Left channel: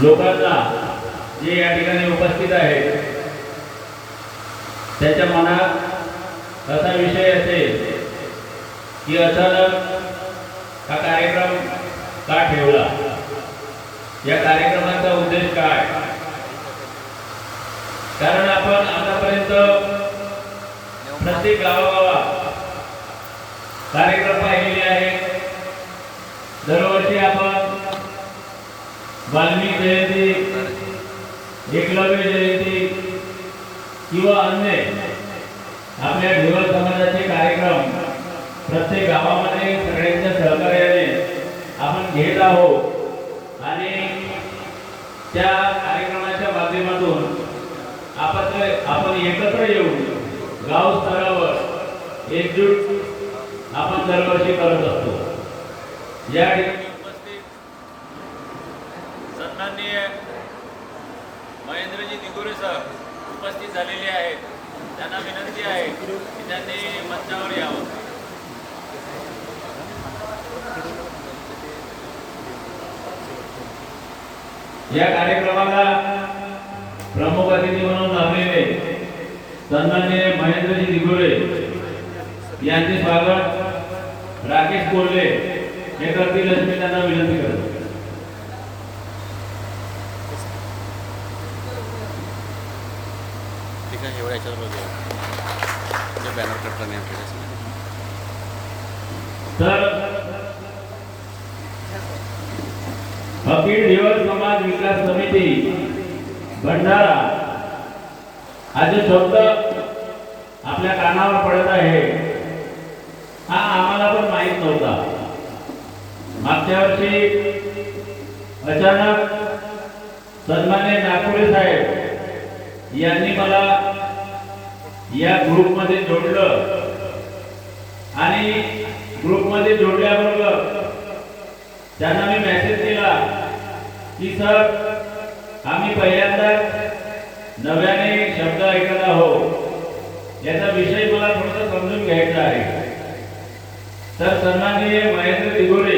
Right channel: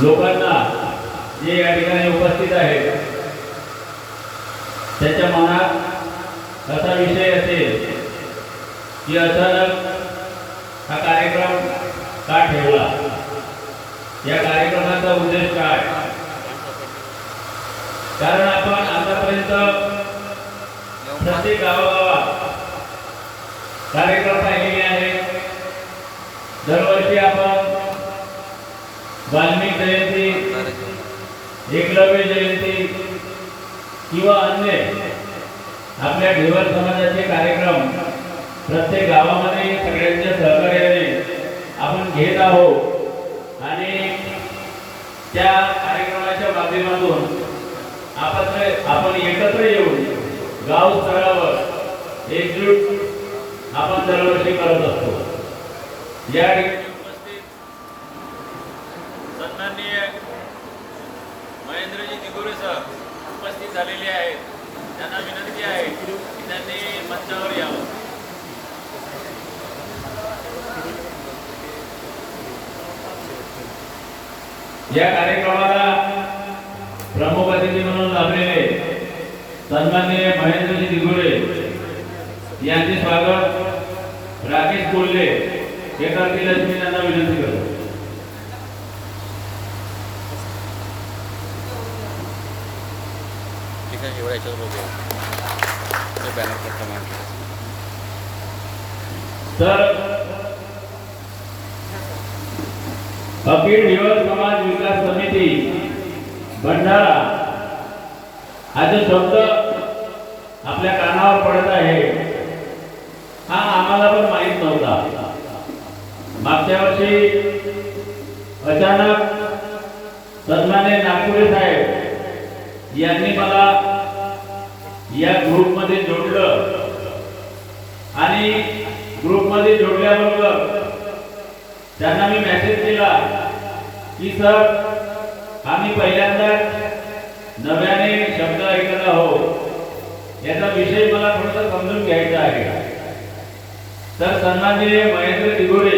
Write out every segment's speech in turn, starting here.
लोकांना जे या ठिकाणी उपस्थित आहेत त्याच्या मनात असा विषय असेल की अचानक हा कार्यक्रम का ठेवला? या कार्यक्रमाचा उद्देश काय? कारण आपण आतापर्यंत प्रत्येक गावागावात कार्यक्रम पाहिलेले आहेत. दरवर्षी आपण वाल्मिक एकलव्य जयंती किंवा अन्य आपल्या ढेवळ समाजाचे कार्यक्रम प्रत्येक गावामध्ये सगळ्यांच्या सहकार्याने आपण घेत आहोत. आणि त्या कार्यक्रमाच्या माध्यमातून आपण आपण एकत्र येऊन गाव स्तरावर एकजूट आपण दरवर्षी करत असतो. या ठिकाणी उपस्थित सन्माननीय महेंद्रजी उपस्थित झालेले आहेत. त्यांना विनंती आहे की त्यांनी मंचावर यावं. या कार्यक्रमाला प्रमुख अतिथी म्हणून लाभलेले सन्माननीय महेंद्रजी दिगुरे यांचे स्वागत. राकेश कोल्हे हे करतील अशी मी त्यांना विनंती करतो. ठीक आहे एवढ्या याच्यावर बघूया. ते बॅनर करताना आपल्याला तर अखिल दिवस समाज विकास समिती भंडारा हा जो शब्द आपल्या कानावर पडत आहे. हा आम्हाला पण माहीत नव्हता. मागच्या वर्षी अचानक सन्मान्य नागपुरे साहेब यांनी मला या ग्रुपमध्ये जोडलं. आणि ग्रुपमध्ये जोडल्याबरोबर त्यांना मी मेसेज केला की सर आम्ही पहिल्यांदा नव्याने शब्द ऐकत आहोत याचा विषय मला थोडंसं समजून घ्यायचा आहे. तर सन्माननीय महेंद्र दिघोरे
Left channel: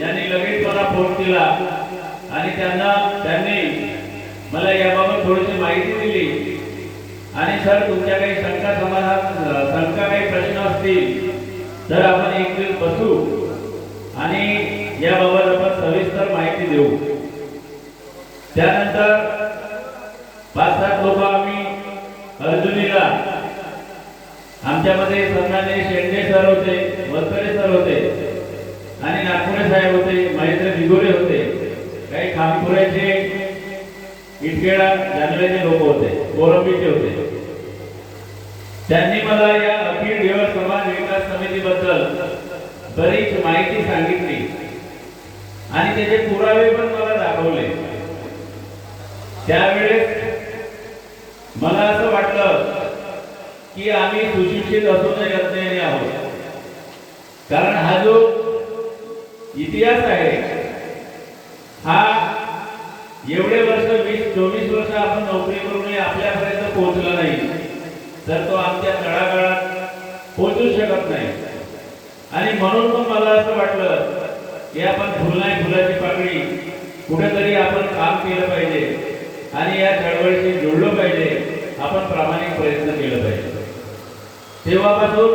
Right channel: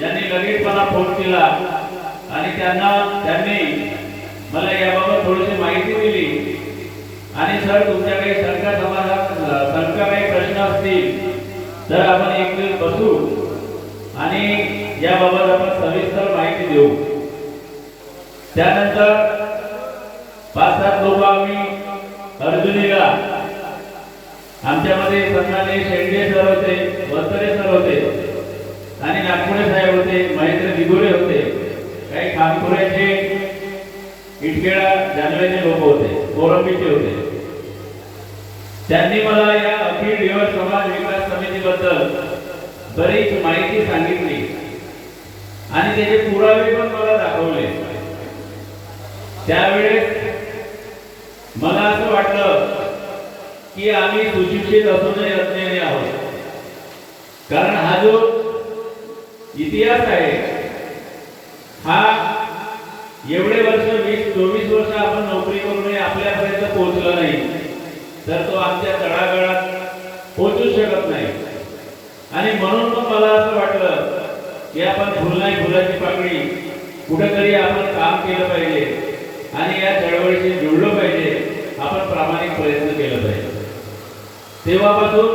यांनी लगेच मला फोन केला आणि त्यांना त्यांनी मला याबाबत थोडीशी माहिती दिली आणि सर तुमच्या काही शंका समाधान शंका काही प्रश्न असतील तर आपण एक दिवस बसू आणि याबाबत आपण सविस्तर माहिती देऊ. त्यानंतर पाच सात लोक आम्ही अर्जुनीला आमच्यामध्ये सन्मान्य शेंडे सर होते वस्तरे सर होते आणि नागपुरे साहेब होते महेंद्र दिगोरे होते. काही खामपुऱ्याचे इटकेळा जंगलेचे लोक होते कोरंबीचे होते. त्यांनी मला या अखिल दिवस समाज विकास समितीबद्दल बरीच माहिती सांगितली. आणि त्याचे पुरावे पण मला दाखवले त्यावेळेस मला असं वाटलं की आम्ही सुशिक्षित असूनही अज्ञानी आहोत कारण हा जो इतिहास आहे हा एवढे वर्ष वीस चोवीस वर्ष आपण नोकरी करूनही आपल्यापर्यंत पोहोचला नाही. तर तो आमच्या तळागाळात पोहोचू शकत नाही. आणि म्हणून पण मला असं वाटलं की आपण फुल नाही फुलाची पाकळी. कुठेतरी आपण काम केलं पाहिजे. आणि या चळवळीशी जुळलो पाहिजे. आपण प्रामाणिक प्रयत्न केलं पाहिजे. तेव्हापासून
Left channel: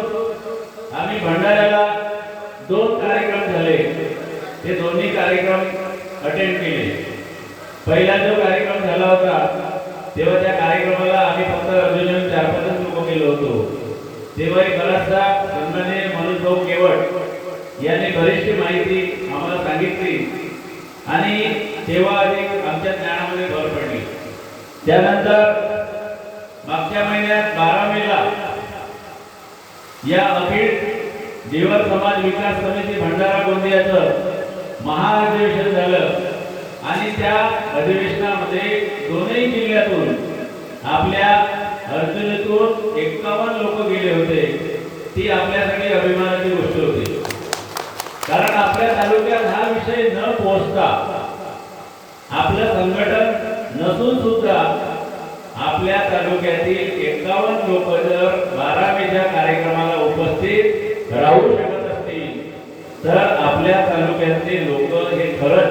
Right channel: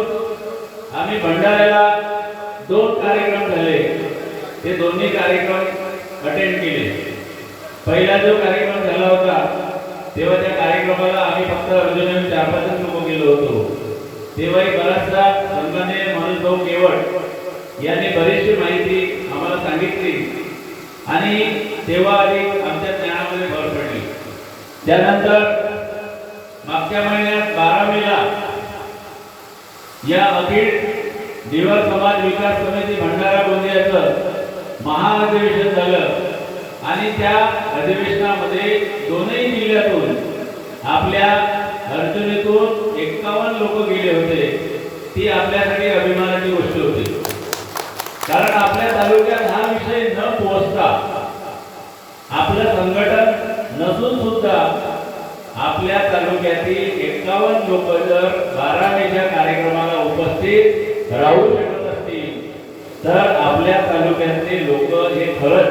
आम्ही भंडाऱ्याला दोन कार्यक्रम झाले. ते दोन्ही कार्यक्रम अटेंड केले. पहिला जो कार्यक्रम झाला होता तेव्हा त्या कार्यक्रमाला आम्ही फक्त अर्जुन चार पाचच लोक गेलो होतो. तेव्हा एक बराचसा सन्माननीय मनोज भाऊ केवट यांनी बरीचशी माहिती आम्हाला सांगितली. आणि तेव्हा आधी आमच्या ज्ञानामध्ये भर पडली. त्यानंतर मागच्या महिन्यात बारा मेला या अखिल दिवस समाज विकास समिती भंडारा गोंदियाचं महाअधिवेशन झालं. आणि त्या अधिवेशनामध्ये दोनही जिल्ह्यातून आपल्या अर्जुनीतून एक्कावन्न लोक गेले होते. ती आपल्यासाठी अभिमानाची गोष्ट होती. कारण आपल्या तालुक्यात हा विषय न पोहोचता आपलं संघटन नसून सुद्धा आपल्या तालुक्यातील एकावन्न लोक जर बारावीच्या कार्यक्रमाला उपस्थित राहू शकत असतील तर आपल्या तालुक्यातले लोक हे खरंच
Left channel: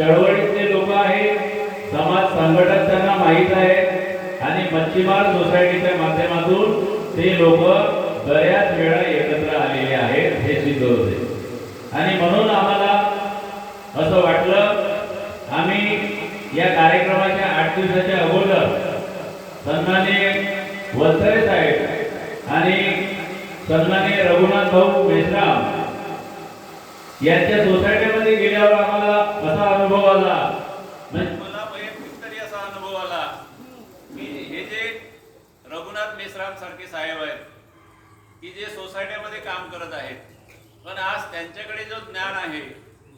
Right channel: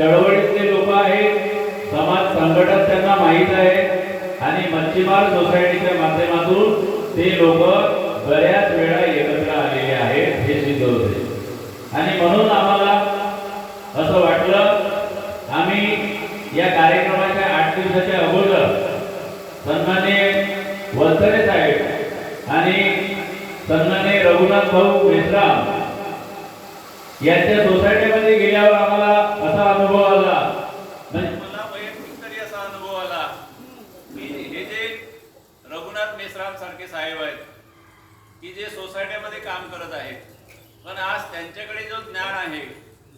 चळवळीतले लोक आहेत समाज संघटन त्यांना माहीत आहे. आणि मच्छीमार सोसायटीच्या माध्यमातून ते लोक बऱ्याच वेळा एकत्र आलेले आहेत हे सिद्ध होते. आणि म्हणून आम्हाला असं वाटलं आम्ही या कार्यक्रमाच्या आठ दिवसाच्या अगोदर सन्माने वलसरे साहेब आणि सन्माने रघुनाथ भाऊ मेश्राम यांच्या साहेब आहेत की जे सोसायटीमध्ये काम करत आहेत. पण आज त्यांच्याकडे जो ज्ञान आहे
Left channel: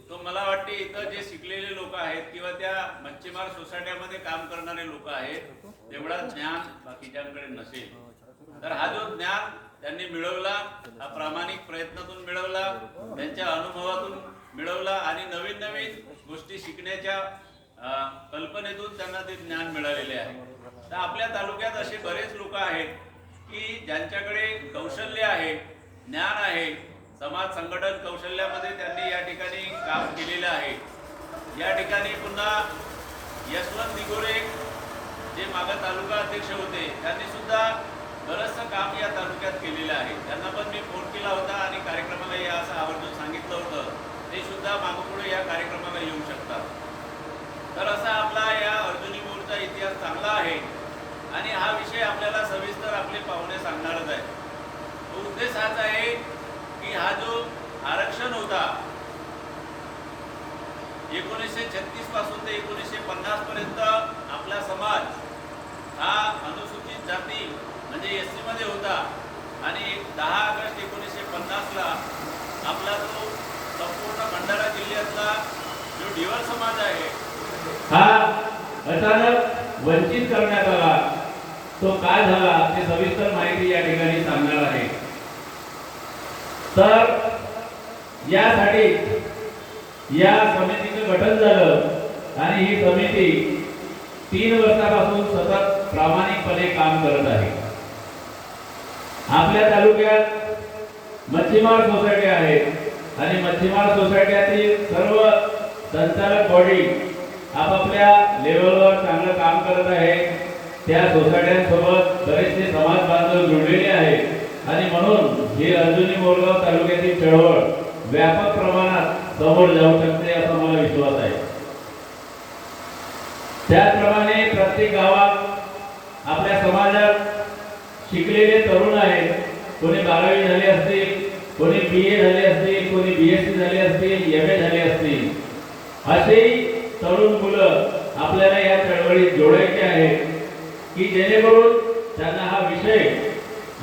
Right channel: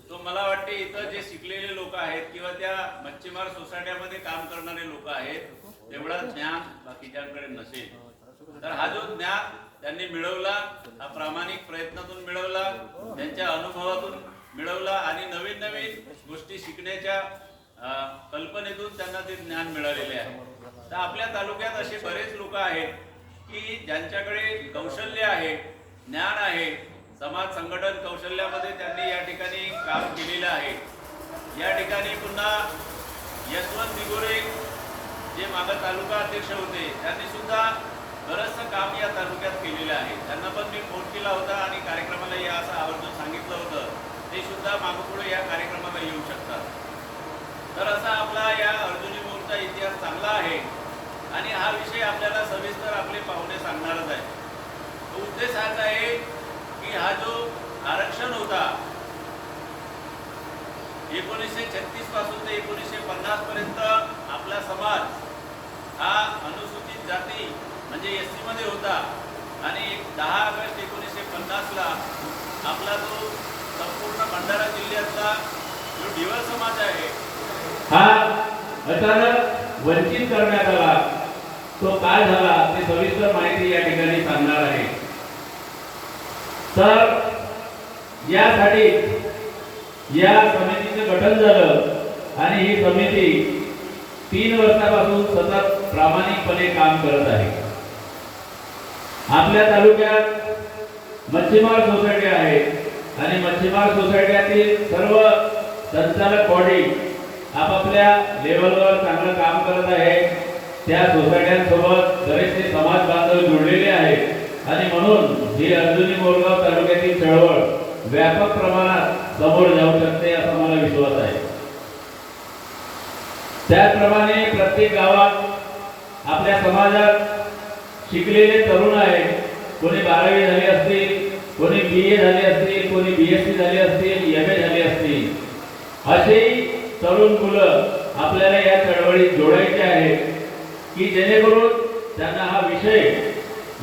तो मला वाटते इथं जे शिकलेले लोक आहेत किंवा त्या मच्छीमार सोसायट्यामध्ये काम करणारे लोक आहेत तेवढा ज्ञान बाकीच्यांकडे नसेल. तर हा जो ज्ञान त्यांनी मिळवला हा प्रामाणिक प्रयत्नातून मिळवला त्यांच्या अनुभवातून मिळवला आणि नवीन नवीन गोष्टी शिकण्याच्या कल्पनेतून त्यांना ते ज्ञान मिळालेले आहे. तर आपल्या तालुक्यात असे बरेच लोक आहेत की ज्यांच्याकडे कौशल्य आहे ज्ञान आहे समाज संघटन कौशल्यामध्ये त्यांनी या ठिकाणी काम केलेलं आहे. या ठिकाणी पुन्हा यशवंत दिगोरे जे मागं तालुका अध्यक्ष होते त्यांनी सुद्धा बरंचसं काम या तालुक्यात केलेलं आहे. त्यांना पण मी फोन केला होता आणि कार्यक्रमाला या असं आवर्जून सांगितलं होतं. ते सुद्धा मागपुढे या कार्यक्रमाला येऊ शकतात. तर असा आपला या अर्जुनी मोडचा इतिहास चांगला आहे. आणि हा विषय आपल्याला सविस्तर आपले पाहुणे सांगणारच आहे. उद्देश हाच आहे की हा जो आरक्षण होता एकोणीसशे छत्तीसपासून ते एकोणीसशे पन्नास पर्यंत आपला समाज हा अनुसूचित जाती म्हणजे एसमध्ये होता. आणि दहा ऑगस्ट एकोणीसशे पन्नासला आपला जो संपूर्ण भंडारा जिल्ह्यातला जो ढिवर समाज आहे हा अचानक वंचित करण्यात आला. तो काय झाला ते सविस्तर माहिती या ठिकाणी सांगणार आहे. तर यासाठी या समितीचं गठन झालं आणि ही समिती तीन वर्षापासून सतत प्रामाणिकपणे काम करत आहे. आपल्या तालुक्यात मच्छीमार सोसायटी आहे आणि मच्छीमार सोसायटीतील सर्व संचालक बॉडी आपापल्या लेवलवर चांगलं काम करत आहे. त्या सोसायट्यांसोबत बरेचसे समाज बांधव जोडलेले आहेत. आणि म्हणून ही अर्जुनी मोरगाव तालुक्यातील चळवळ व्यापक प्रमाणात समोर जाऊ शकते असा मला विश्वास आहे. त्याचप्रमाणे प्रत्येक गावात आपल्या समाजात शिकलेले तरुण आहेत. कोणी बारावी झाली असतील कोणी बी ए झाले असतील कोणी बी एस सी झाली असतील एम ए झाले असतील असेही तरुण मुलं आपल्याला या चळवळीत जोडायचे आहेत. की जेणेकरून त्यांना हा विषय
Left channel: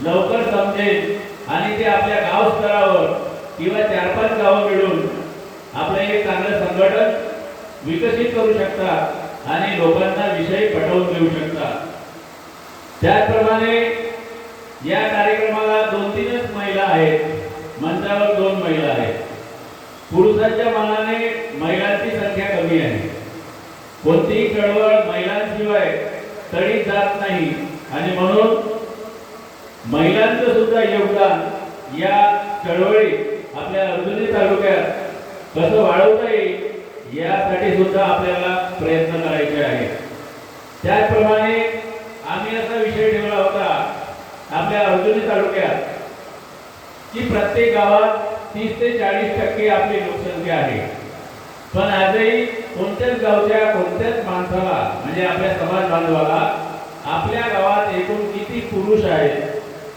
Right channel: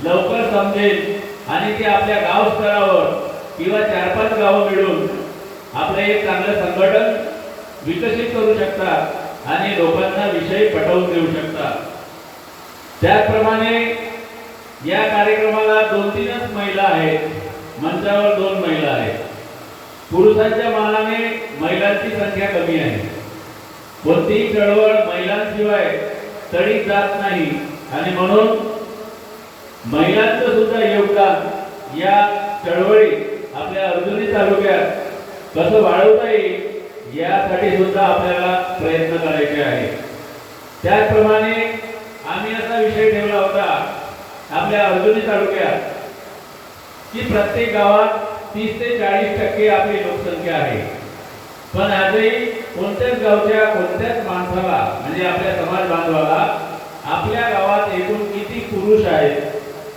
लवकर समजेल आणि ते आपल्या गाव स्तरावर किंवा चार पाच गावं मिळून आपलं एक चांगलं संघटन विकसित करू शकतात आणि लोकांना विषय पटवून देऊ शकतात. त्याचप्रमाणे या कार्यक्रमाला दोन तीनच महिला आहेत. मंचावर दोन महिला आहेत. पुरुषांच्या मानाने महिलांची संख्या कमी आहे. कोणतीही चळवळ महिलांशिवाय तळी जात नाही. आणि म्हणून महिलांचं सुद्धा योगदान या चळवळीत आपल्या अर्जुनी तालुक्यात कसं वाढवता येईल यासाठी सुद्धा आपल्याला प्रयत्न करायचे आहे त्याचप्रमाणे आम्ही असा विषय ठेवला होता आपल्या अर्जुनी तालुक्यात की प्रत्येक गावात तीस ते चाळीस टक्के आपली लोकसंख्या आहे. पण आजही कोणत्याच गावच्या कोणत्याच माणसाला म्हणजे आपल्या समाज बांधवाला आपल्या गावात एकूण किती पुरुष आहेत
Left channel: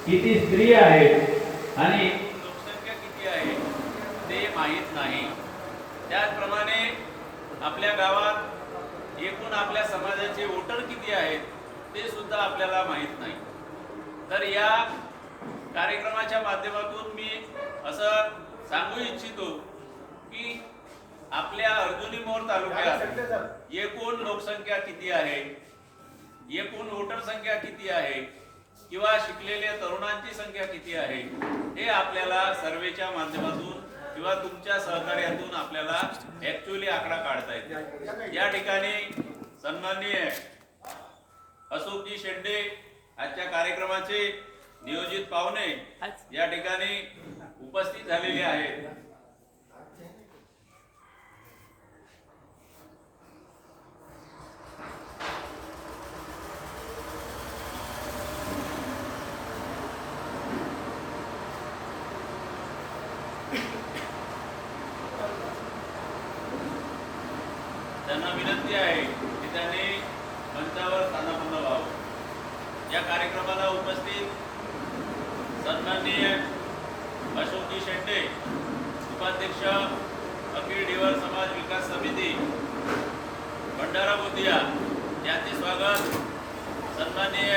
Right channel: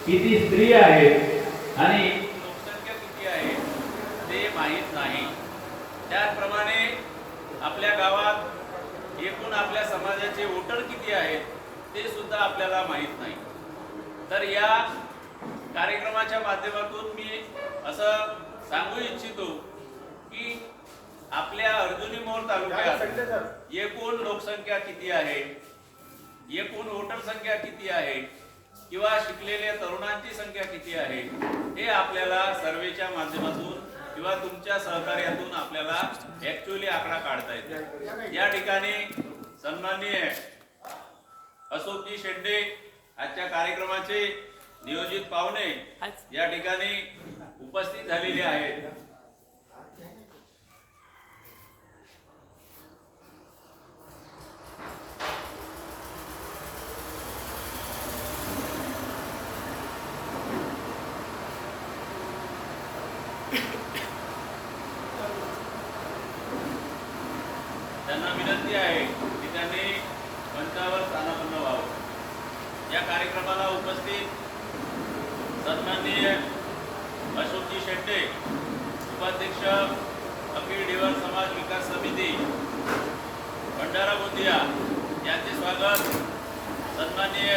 किती स्त्री आहेत आणि लोकसंख्या किती आहे ते माहीत नाही. त्याचप्रमाणे आपल्या गावात एकूण आपल्या समाजाचे वोटर किती आहेत ते सुद्धा आपल्याला माहीत नाही. तर या कार्यक्रमाच्या माध्यमातून मी असं सांगू इच्छितो की आपल्या अर्जुनी मोर तालुक्यात एकूण लोकसंख्या किती आहे? एकूण वोटर संख्या किती आहे? किंवा शिकलेल्या तरुणांची संख्या किती आहे? हे आपल्याला सर्वेच्या माध्यमातून किंवा तुमच्या सहकार्यातून आपल्याला ऍक्च्युअली आकडा काढता येतो. या ठिकाणी सन्माननीय अशोकजी शेंडे आजच्या कार्यक्रमाचे नियोजित पाहुणे या ठिकाणी उपस्थित झालेले आहेत. त्यांना विनंती आहे की त्यांनी मंचावर स्थानापन्न व्हावं. या कार्यक्रमाला उपस्थित सन्माननीय अशोकजी शेट्टे उपाध्यक्ष अखिल डिवाळ समाज विकास समिती भंडारा गोंदिया यांचे स्वागत. सन्माननीय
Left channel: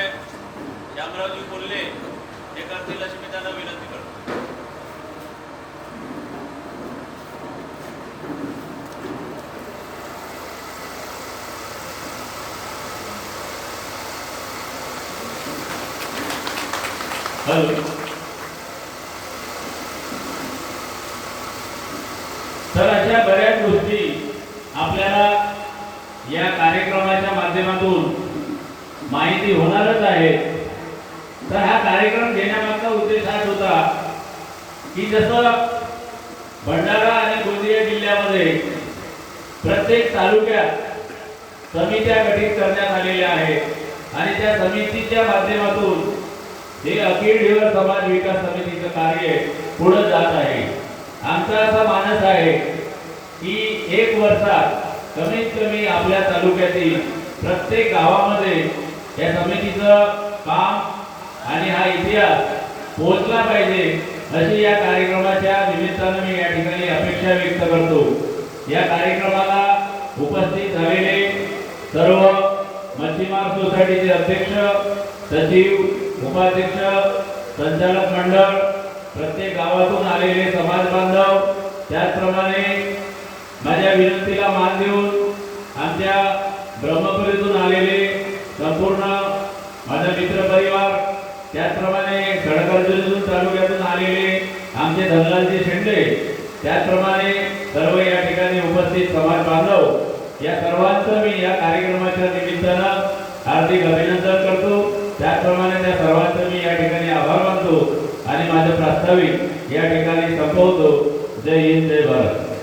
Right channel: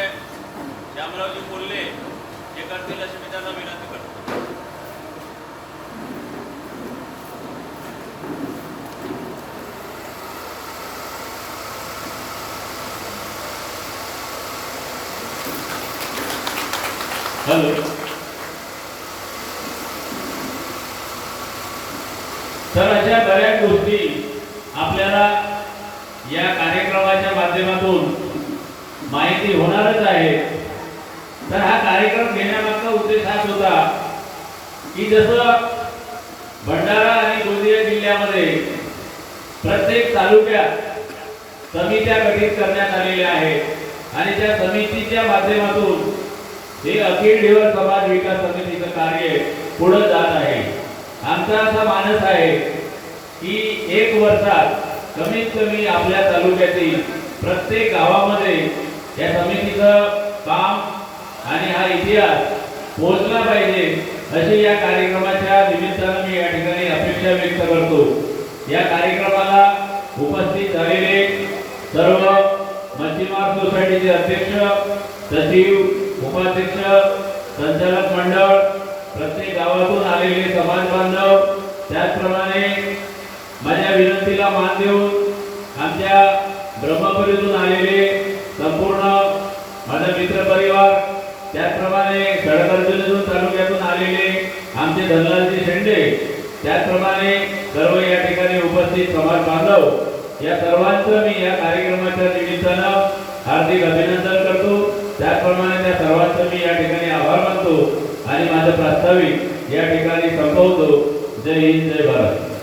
श्यामरावजी कोल्हे हे करतील अशी त्यांना विनंती करतो. हॅलो. तर अशा बऱ्याच गोष्टी आपल्याला या कार्यक्रमाच्या माध्यमातून माहिती होणारच आहे. तर हा कार्यक्रम घेण्यामागचा उद्देश हाच होता की जसं भंडारा आणि गोंदिया जिल्ह्यामध्ये प्रत्येक तालुक्यात समित्या गठीत करण्यात आलेल्या आहेत आणि त्या समितीच्या माध्यमातून हे अखिल समाज विकास समितीचं कार्य पुढे जात आहे. आमचा असा मानस आहे की एक वर्षात कमीत कमी आपल्या तालुक्यातील प्रत्येक गावामध्ये या समितीचं काम आणि हा इतिहास पोहोचला पाहिजे अशी या कार्यक्रमाच्या निमित्तानं मी या ठिकाणी अपेक्षा व्यक्त करतो. या कार्यक्रमाला उपस्थित झालेले सर्व मच्छीमार सोसायटीचे अध्यक्ष सचिव उपाध्यक्ष संचालक मंडळ प्रत्येक गावातून आलेले समाज बांधव त्याचप्रमाणे माझ्या विनंतीला मान देऊन आमच्या ब्रह्मपुरीतून आलेले संपूर्ण माझा मित्र परिवार त्याचप्रमाणे गडकर्जुनीतून तालुक्यातून आलेले आमचे धनलालजी शेंडे त्याचप्रमाणे सर्व या ठिकाणी उपस्थित समाज बांधव या सर्वांचं मी या कार्यक्रमाच्या निमित्तानं हार्दिक अभिनंदन करतो. त्याचप्रमाणे त्या सर्वांचं मी या ठिकाणी आभार मानतो आणि माझं प्रास्ताविक या ठिकाणी संपवतो. जय हिंद जय भारत.